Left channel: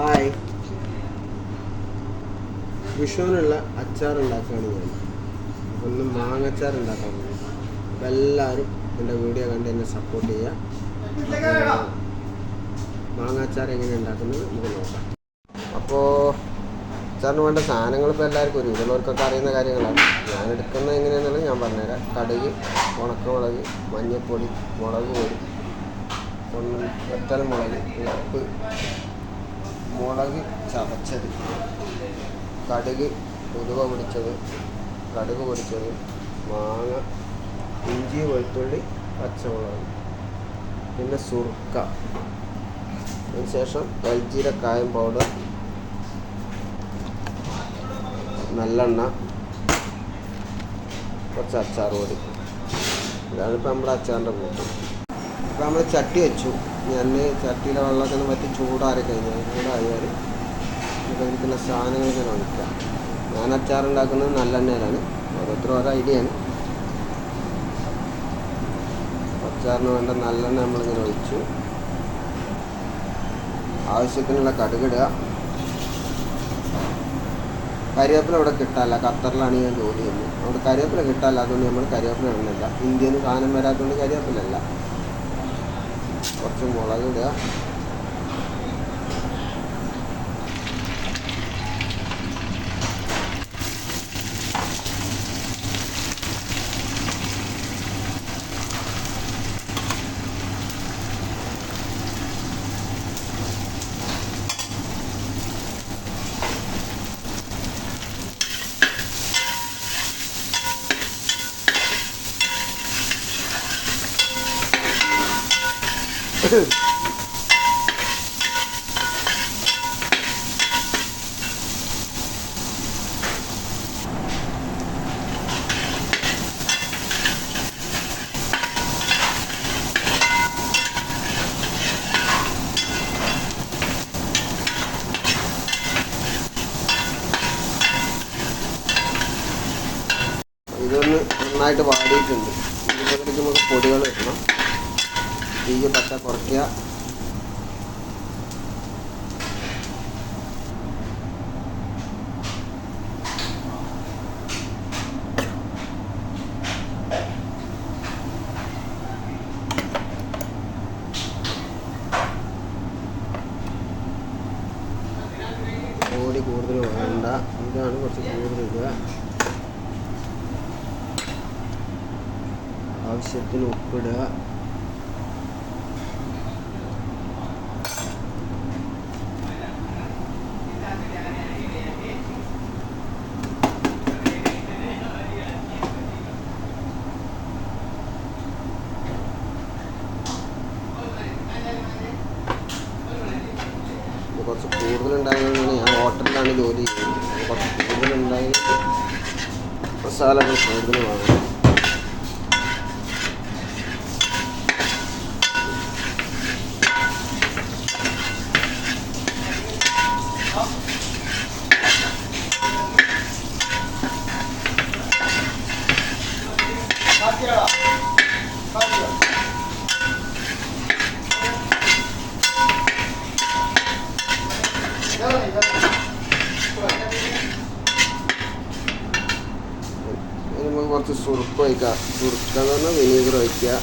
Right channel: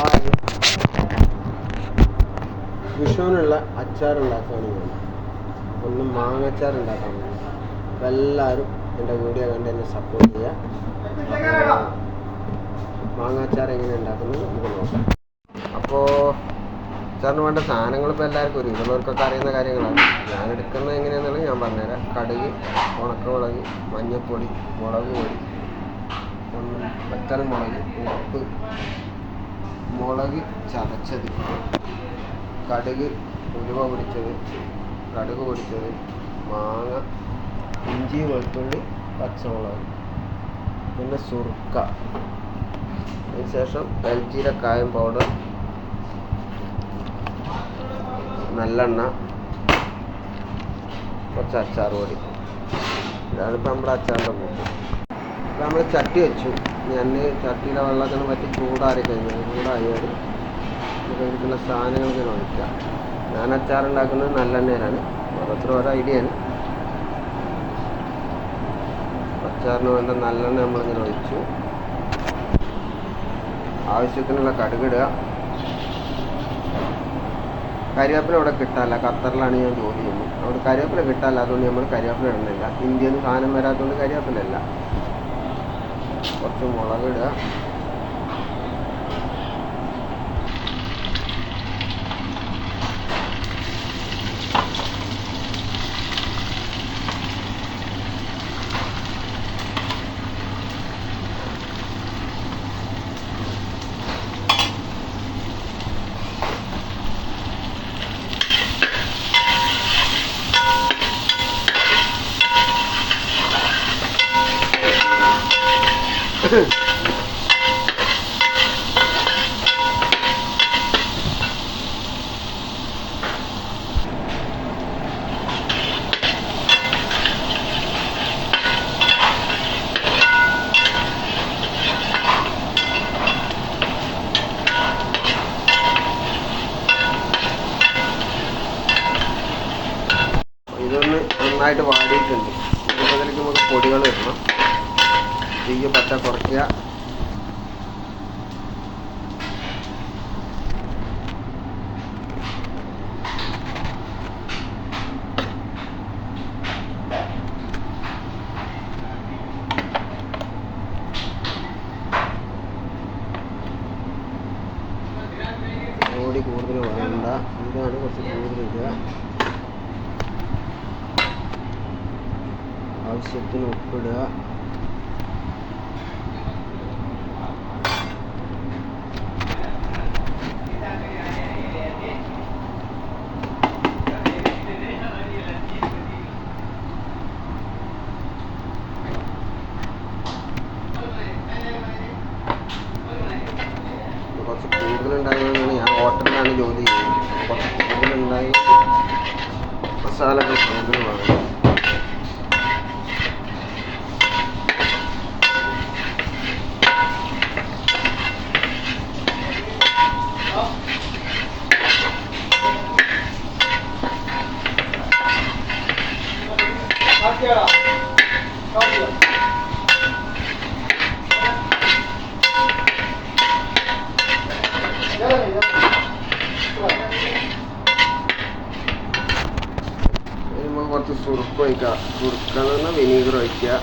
Hi, വിഷുവിനുള്ള അച്ചാർ ഉണ്ടാക്കുകയാണ് ഞാൻ. ഒന്ന് മാങ്ങച്ചാർ ഉണ്ടാക്കാൻ വേണ്ടി. അപ്പോൾ എല്ലാവരും എൻ്റെ വീഡിയോ കണ്ട് എന്നെ സപ്പോർട്ട് ചെയ്യുക. മാങ്ങാച്ചാർ എങ്ങനെ ഉണ്ടാക്കുന്നത് നമുക്ക് നോക്കാം. അപ്പോൾ അച്ചാറിന് വേണ്ട സാധനങ്ങൾ ഇപ്പോൾ എല്ലാവർക്കും ഇതിലുള്ളവർക്കൊക്കെ അറിയുന്ന കാര്യങ്ങളാണ്. ഞാൻ എടുക്കുന്നത് എങ്ങനെയാണെന്നുള്ളത് ഞാൻ പറഞ്ഞുതരാം. കടുക്, ഉണക്കമുളക്, മഞ്ഞൾപ്പൊടി, മുളക് പൊടി, വറ്റൽ മുളക്, ഉപ്പ്, മുളക് ചതച്ചത്, കടുക് ഉലുവ പൊടിച്ചത്, കടുക് പൊടിച്ചത്, മാങ്ങ, ഇഞ്ചി, വെളുത്തുള്ളി, പച്ചമുളക്, പിന്നെ സുർക്ക, അതിനുശേഷം എൽജീരക്കായം പൗഡർ, നല്ലെണ്ണ, കുറച്ച് അച്ചാർ പൊടി. ഇതാണിപ്പോൾ നമ്മുടെ അച്ചാറിൻ്റെ കൂട്ട്. ഇപ്പോൾ നമ്മൾ ചട്ടി വെച്ചു. ഞാൻ ചട്ടിയിലെ വെള്ളമൊക്കെ ഒന്ന് പറ്റി ചൂടാറി കഴിഞ്ഞാൽ ചൂടായാൽ നമുക്ക് ഇരിക്കുന്ന സാധനങ്ങൾക്ക് ഒഴിക്കാം. ഞാൻ അച്ചാറുണ്ടാക്കുന്നത് നല്ലെണ്ണയിലാണ്. ഓരോരുത്തരും ഓരോ ഐഡിയയാണ്. അച്ചാറിന് വേണ്ട നല്ലെണ്ണ നമ്മളിങ്ങനെ ഒഴിച്ചു. ആവശ്യത്തിനുള്ള കടുകിടുക. കരിവേപ്പില ഇവിടെ കിട്ടാല്ല. ഖത്തറിലാണ് ഞാൻ ജോലി ചെയ്യുന്നത്. അവിടെ കരിവേപ്പില കിട്ടാല്ല. അതുകൊണ്ട് നമ്മൾ കരിവേപ്പില ഇടുന്നില്ല. ഇന്ത്യയിൽ നിന്ന് സാധനം വരാത്തതുകൊണ്ട് കരിവേപ്പിലല്ല. കുറച്ച് മുളകിടുക. ഇതൊന്ന് നന്നായിട്ട് വാടിയിട്ടുണ്ട്. ഇതിലേക്ക് നമുക്ക് പൊടികൾ ഇടണം. തീ പച്ച കുറയ്ക്കുക. പൊടി കൂടുതൽ വേണ്ട. ഇതാണ് കുറച്ച് കൂടുതൽ ഇടുക. ആവശ്യത്തിന് ഉപ്പിടുക. കുറച്ച് കൂടുതലുണ്ടായതുകൊണ്ടാണ് ഞാൻ ഹോട്ടലിലാണ് ജോലി ചെയ്യുന്നത്. കുറച്ച് കൂടുതലുണ്ടായി മസാലകൾ കൂടുതൽ വേണം. നമുക്ക് കുറച്ച് സുറുക്ക് ഒഴിക്കുക. സുറുക്കെന്ന് പറഞ്ഞാൽ വിനീഗർ ഒഴിക്കുക.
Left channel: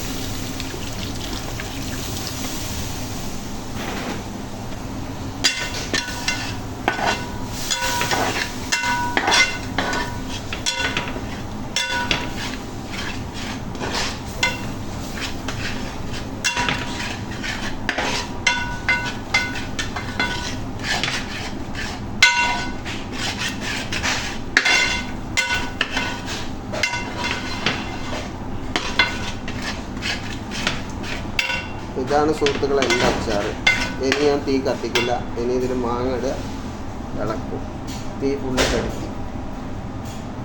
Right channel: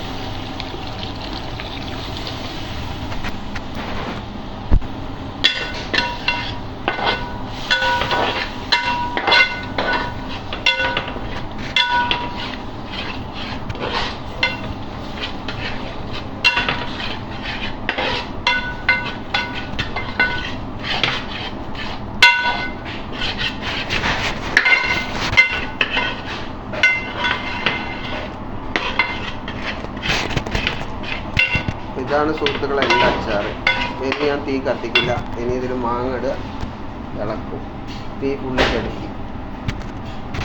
ഇതാണ് സുഹൃത്തുക്കളെ എൻ്റെ അച്ചാർ. ഇനി ഞാൻ തീ കത്തിക്കില്ല. ഇനി ഇതിൽ മാങ്ങ ഇടുക, ഇളക്കും. തീ ഫുള്ളി കടുക്കി.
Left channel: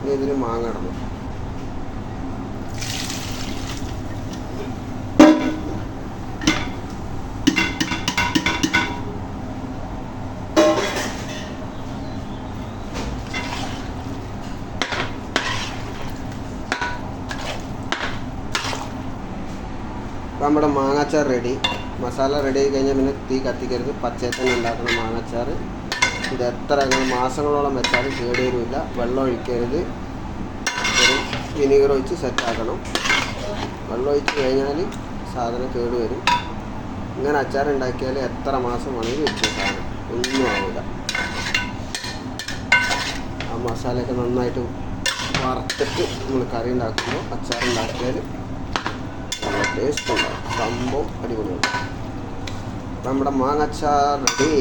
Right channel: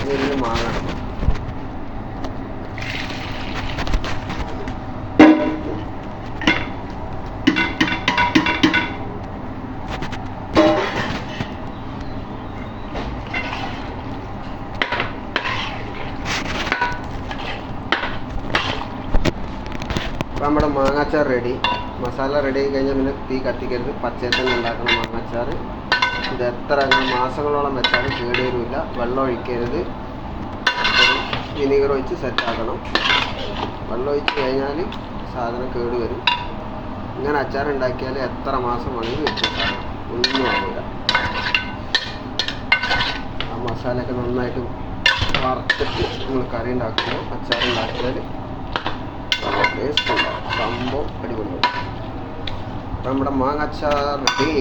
ഇനി ഇതിൽ മാങ്ങ ഇടണം. അപ്പോൾ നമ്മുടെ മാങ്ങാച്ചാർ റെഡി. മസാല റെഡി ആയി കഴിഞ്ഞാൽ പിന്നെ തീ കത്തിക്കരുത്. പച്ചയിൽ തന്നെ ഉണ്ടാക്കണം മാങ്ങാച്ചാർ. ഇത് എത്ര മാസങ്ങളോളം വെച്ചാലും കേടുവരില്ല. വെള്ളം ഒഴിക്കരുത്. ഒരു വിനീഗർ ഒഴിച്ച് സെറ്റാക്കണം. വെള്ളം ഒഴിച്ച് കഴിഞ്ഞാൽ സാധനം കേടുവരും. ഇങ്ങനെ അച്ചാർ ഉണ്ടാക്കിയാൽ എത്ര മാസം വേണമെങ്കിലും വെച്ച സാധനം ഒന്നും ആവില്ല. ആ മസാലയൊക്കെ നന്നായിട്ട് വറുത്തിട്ട് നമ്മൾ കറി ഉണ്ടാക്കുമ്പോൾ അച്ചാർ ഉണ്ടാക്കിയാൽ നല്ല ടേസ്റ്റ് ഉണ്ടാവും. സംഭവം അടിപൊളിയാണ്. അപ്പം നമ്മുടെ മാങ്ങ അച്ചാർ റെഡി.